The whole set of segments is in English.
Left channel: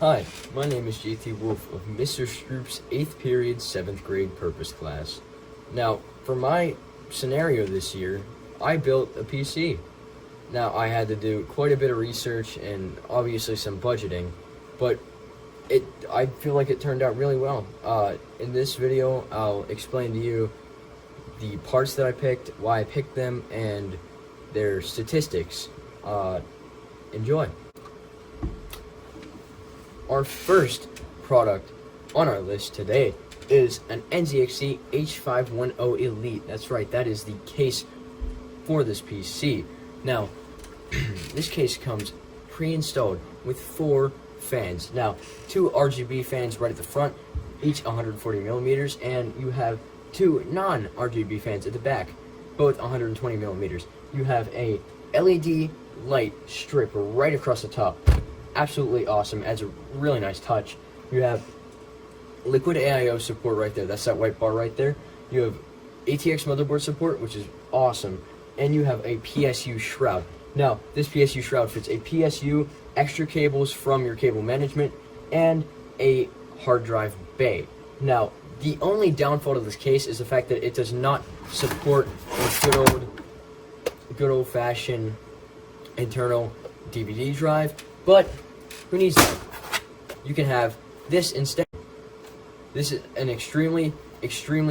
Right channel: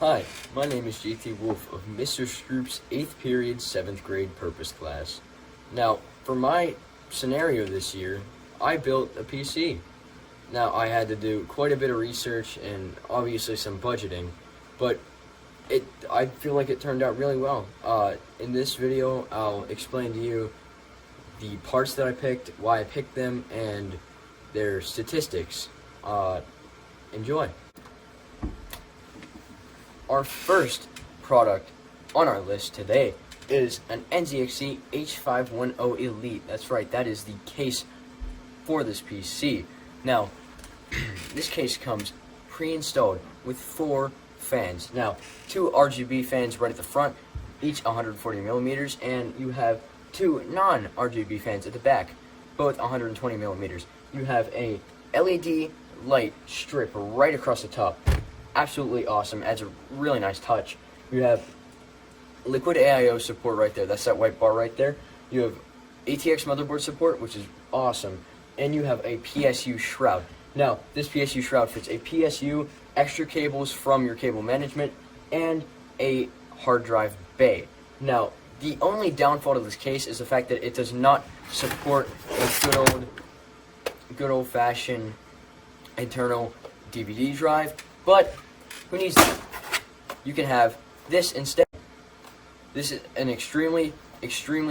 Hi, my name is JT Wolfe of Mr. Stroop's 8th period 7th grade purpose class. Now, for my scenario this year, I built a PC. Now, I had to do quite a bit of research and obviously some budgeting, but I feel like it turned out really well. In this video, I'll explain to you the parts that I picked, why I picked them, and their statistics. Enjoy. Our first product on our list today is an NZXT H510 Elite. That's right, that is the case for this PC. Now, this case comes pre-installed with 4 fans. Now, 2 RGB fans right at the front, each 140 millimeters, and you have 2 non-RGB fans at the back, both 120 millimeters. You have a LED light strip right across the top. Absolutely awesome, adds a really nice touch. You have liquid AIO support right there, that's that white bar right there. You have ATX motherboard support, which is awesome, and you have a PSU shroud. Now, this PSU shroud fits a PSU, extra cables from your cable management, and a hard drive bay. Now, the only downfall of this case is the fact that it does not support a good old-fashioned internal DVD drive, but who needs that? You can have this instead. This is an extremely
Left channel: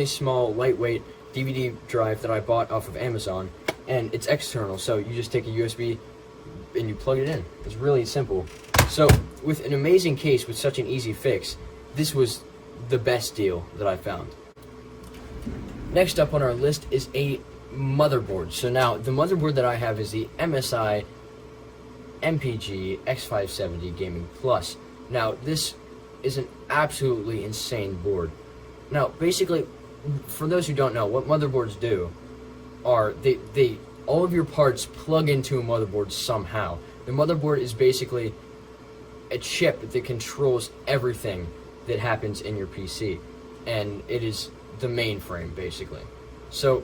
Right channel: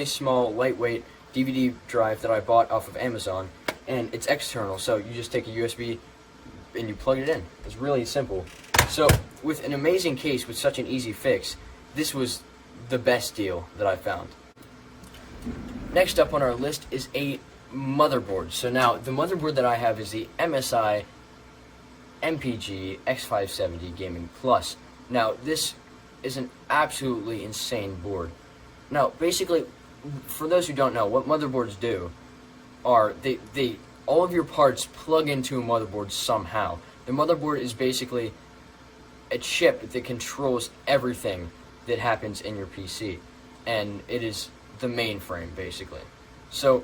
small, lightweight DVD drive that I bought off of Amazon, and it's external, so you just take a USB and you plug it in. It's really simple. So, with an amazing case with such an easy fix, this was the best deal that I found. Next up on our list is a motherboard. So now, the motherboard that I have is the MSI MPG X570 Gaming Plus. Now, this is an absolutely insane board. Now, basically, for those who don't know, what motherboards do are they all of your parts plug into a motherboard somehow. The motherboard is basically a chip that controls everything that happens in your PC, and it is the mainframe basically. So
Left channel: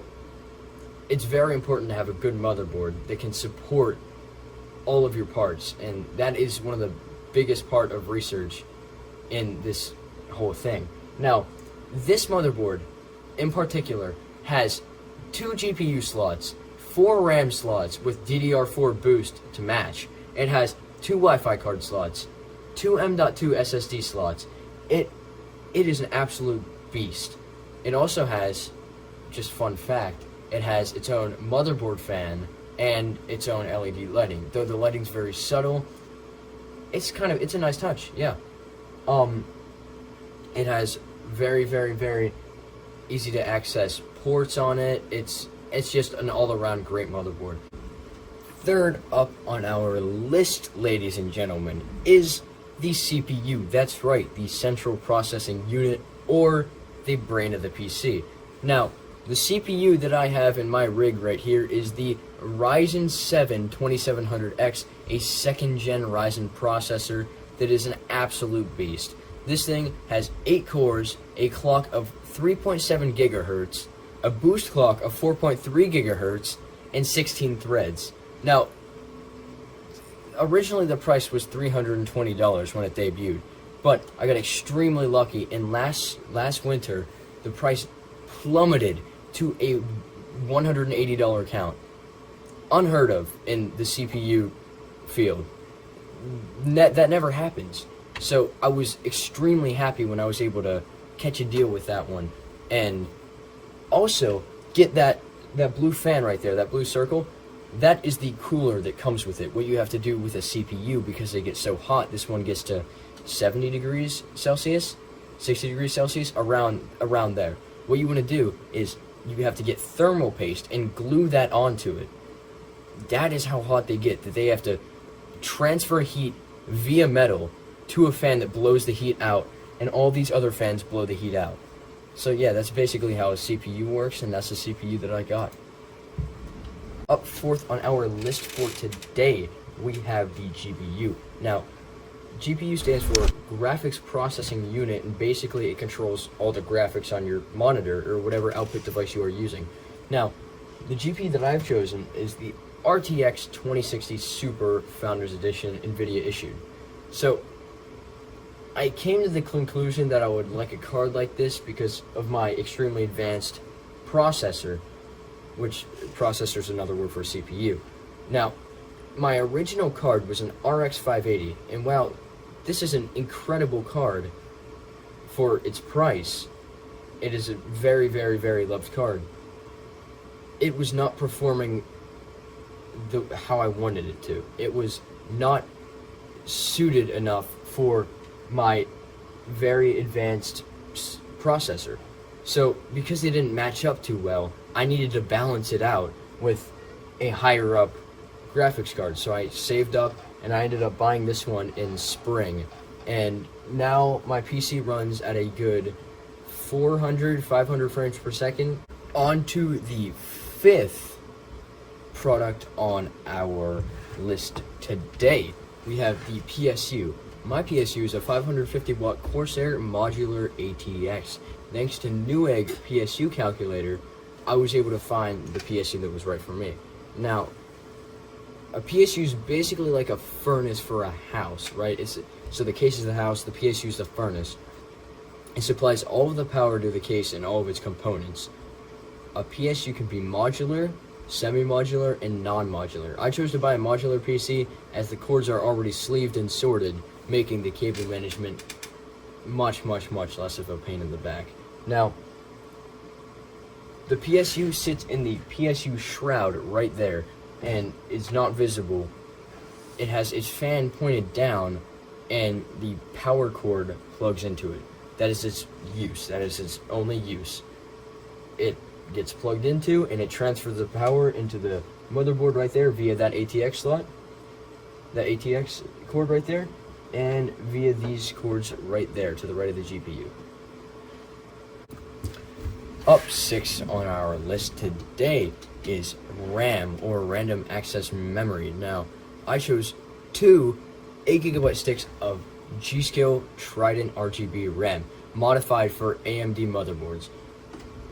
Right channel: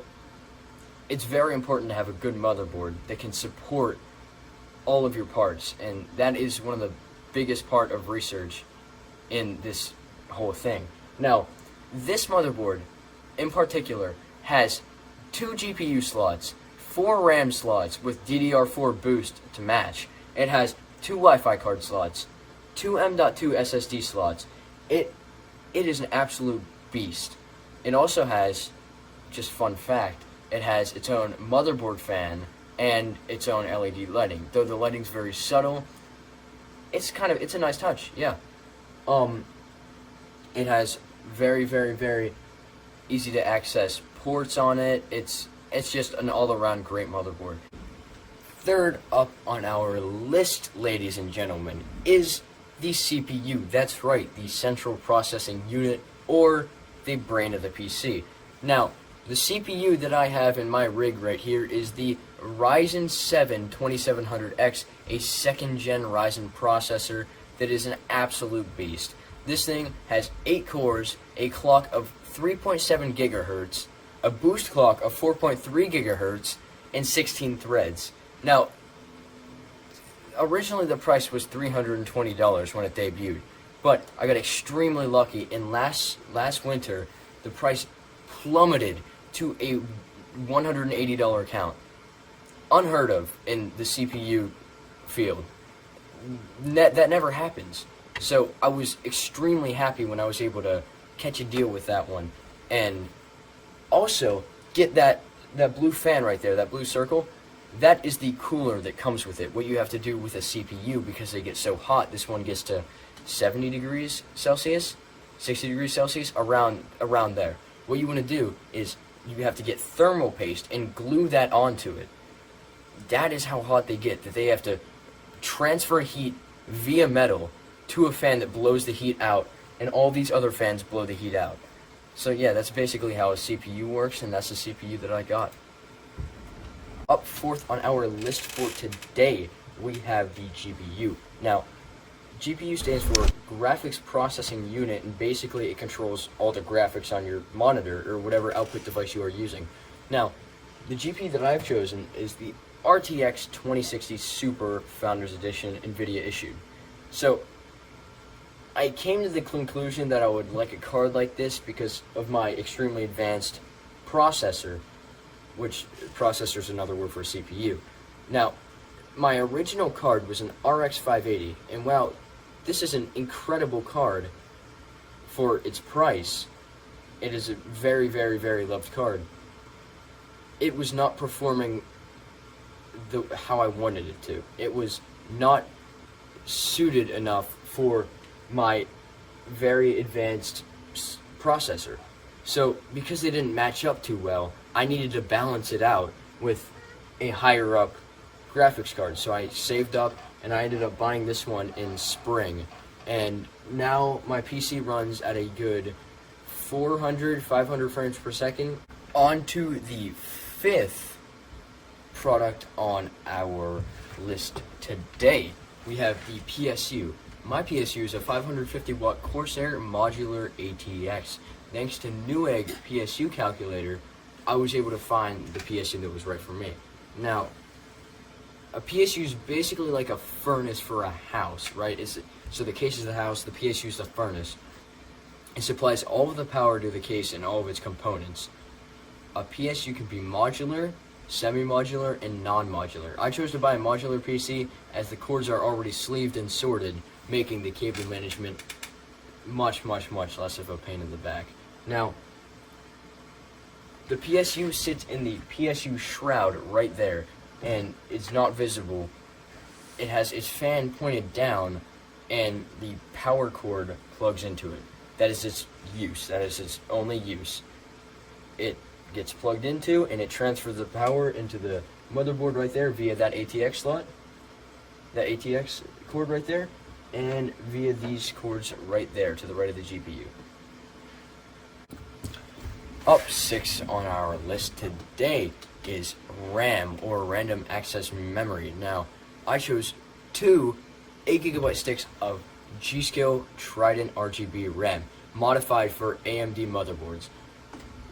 it's very important to have a good motherboard that can support all of your parts, and that is one of the biggest part of research in this whole thing. Now, this motherboard in particular has 2 GPU slots, 4 RAM slots with DDR4 boost to match. It has 2 Wi-Fi card slots, 2 M.2 SSD slots. It is an absolute beast. It also has, just fun fact, it has its own motherboard fan and its own LED lighting. Though the lighting's very subtle, it's a nice touch, yeah. It has very easy to access ports on it. It's just an all-around great motherboard. Third up on our list, ladies and gentlemen, is the CPU. That's right, the central processing unit, or the brain of the PC. Now, the CPU that I have in my rig right here is the Ryzen 7 2700X, a 2nd gen Ryzen processor that is an absolute beast. This thing has 8 cores, a clock of 3.7 gigahertz, a boost clock of 4.3 gigahertz, and 16 threads. Now, originally the price was $320 when it debuted, but I got extremely lucky, and last winter the price plummeted to a $180 count. Unheard of in the CPU field. That never happens. So I was extremely happy when I was able to catch a deal with that one, and also get that blue fan right there, that blue circle. That is the cooler that comes with it. What you have to do with a CPU, because they get so hot, this one gets to 70 degrees Celsius, 60 degrees Celsius, around there. What you want to do is you have to get thermal paste and glue that onto it. That is how hot they get, that they have to transfer heat via metal to a fan that blows the heat out, and all these other fans blow the heat out. So yeah, that's basically how a CPU works, and that's the CPU that I got. Up fourth on our list for today, we have the GPU. Now, GPU stands for Graphics Processing Unit, and basically it controls all the graphics on your monitor or whatever output device you are using. Now, the GPU that I've chosen is the RTX 2060 Super Founders Edition Nvidia-issued. So, I came to the conclusion that I would like a card like this because of my extremely advanced processor, which processor is another word for CPU. Now, my original card was an RX 580, and while this is an incredible card for its price, it is a very, very, very loved card. It was not performing how I wanted it to. It was not suited enough for my very advanced processor. So because they didn't match up too well, I needed to balance it out with a higher up graphics card. So I saved up and I ended up buying this one in spring. And now my PC runs at a good 500 frames per second. On to the fifth product on our list today. We have the PSU. My PSU is a 550 watt Corsair Modular ATX. Thanks to Newegg PSU calculator, I was able to find the PSU that was right for me. Now, a PSU is basically like a furnace for a house, right? So the case is the house, the PSU is the furnace. It supplies all of the power to the case and all of its components. A PSU can be modular, semi-modular, and non-modular. I chose to buy a modular PC as the cords are already sleeved and sorted, making the cable management much, much, much less of a pain in the back. Now, the PSU sits in the PSU shroud right there, and it's not visible. It has its fan pointed down, and the power cord plugs into it. That is its use. That is its only use. It gets plugged into, and it transfers the power into the motherboard right there via that ATX slot, that ATX cord right there, and via these cords right there to the right of the GPU. Up 6 on our list today is RAM, or random access memory. Now, I chose 2 8GB sticks of GSKILL Trident RGB RAM, modified for AMD motherboards.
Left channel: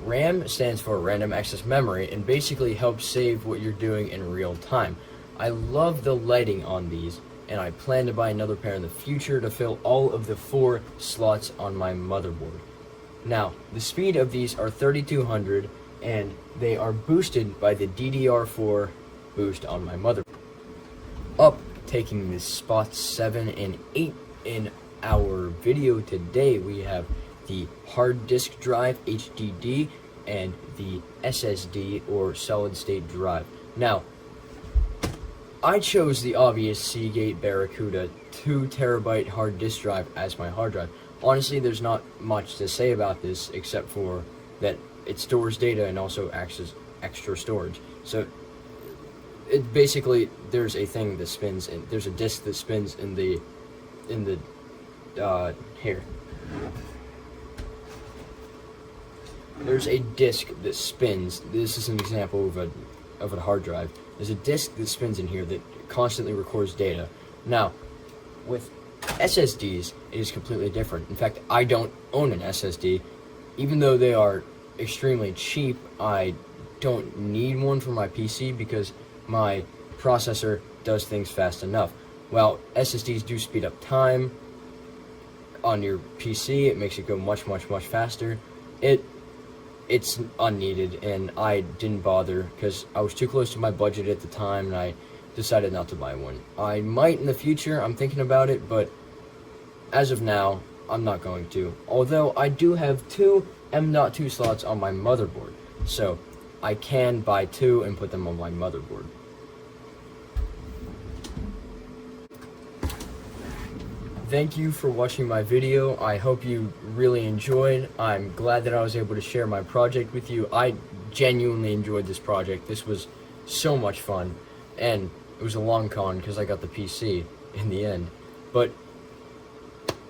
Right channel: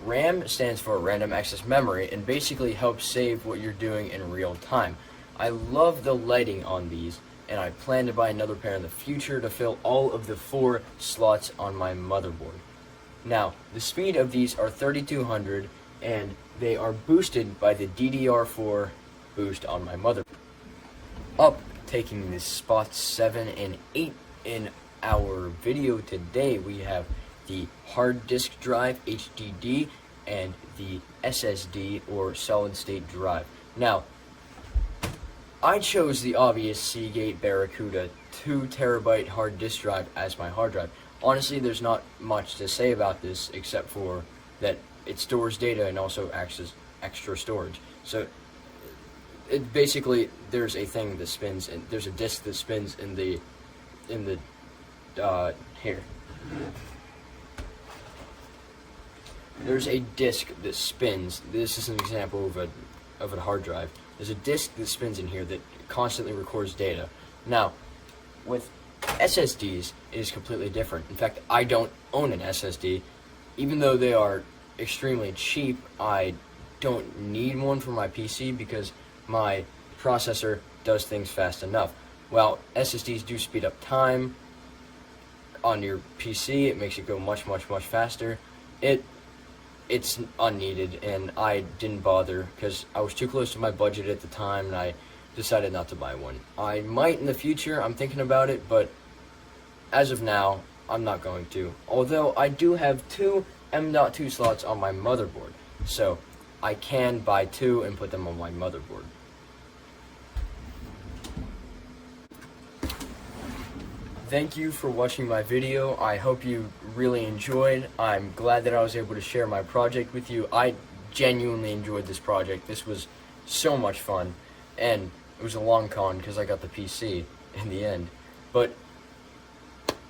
RAM stands for random access memory and basically helps save what you're doing in real time. I love the lighting on these, and I plan to buy another pair in the future to fill all of the 4 slots on my motherboard. Now, the speed of these are 3200, and they are boosted by the DDR4 boost on my motherboard. Up, taking the spots 7 and 8 in our video today, we have the hard disk drive HDD and the SSD, or solid state drive. Now, I chose the obvious Seagate Barracuda 2TB hard disk drive as my hard drive. Honestly, there's not much to say about this except for that it stores data and also acts as extra storage. So it basically, there's a thing that spins, and there's a disk that spins in the here. There's a disk that spins. This is an example of a hard drive. There's a disk that spins in here that constantly records data. Now, with SSDs, it is completely different. In fact, I don't own an SSD. Even though they are extremely cheap, I don't need one for my PC because my processor does things fast enough. While SSDs do speed up time on your PC, it makes it go much, much, much faster. It's unneeded, and I didn't bother because I was too close to my budget at the time, and I decided not to buy one. I might in the future, I'm thinking about it, but as of now, I'm not going to. Although I do have 2 M.2 slots on my motherboard, so I can buy 2 and put them on my motherboard. Thank you for watching my video. I hope you really enjoyed. I'm glad that I was able to share my project with you. I genuinely enjoyed this project. This was so much fun, and it was a long con because I got the PC in the end. But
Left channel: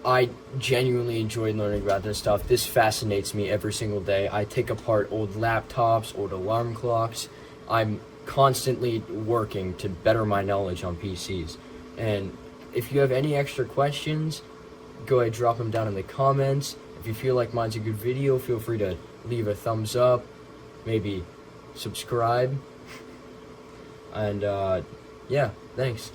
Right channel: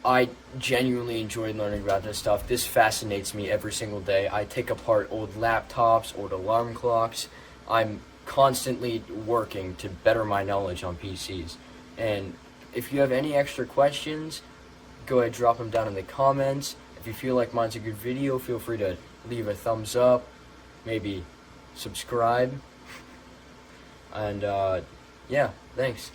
I genuinely enjoyed learning about this stuff. This fascinates me every single day. I take apart old laptops, old alarm clocks. I'm constantly working to better my knowledge on PCs. And if you have any extra questions, go ahead, drop them down in the comments. If you feel like mine's a good video, feel free to leave a thumbs up, maybe subscribe. And yeah, thanks.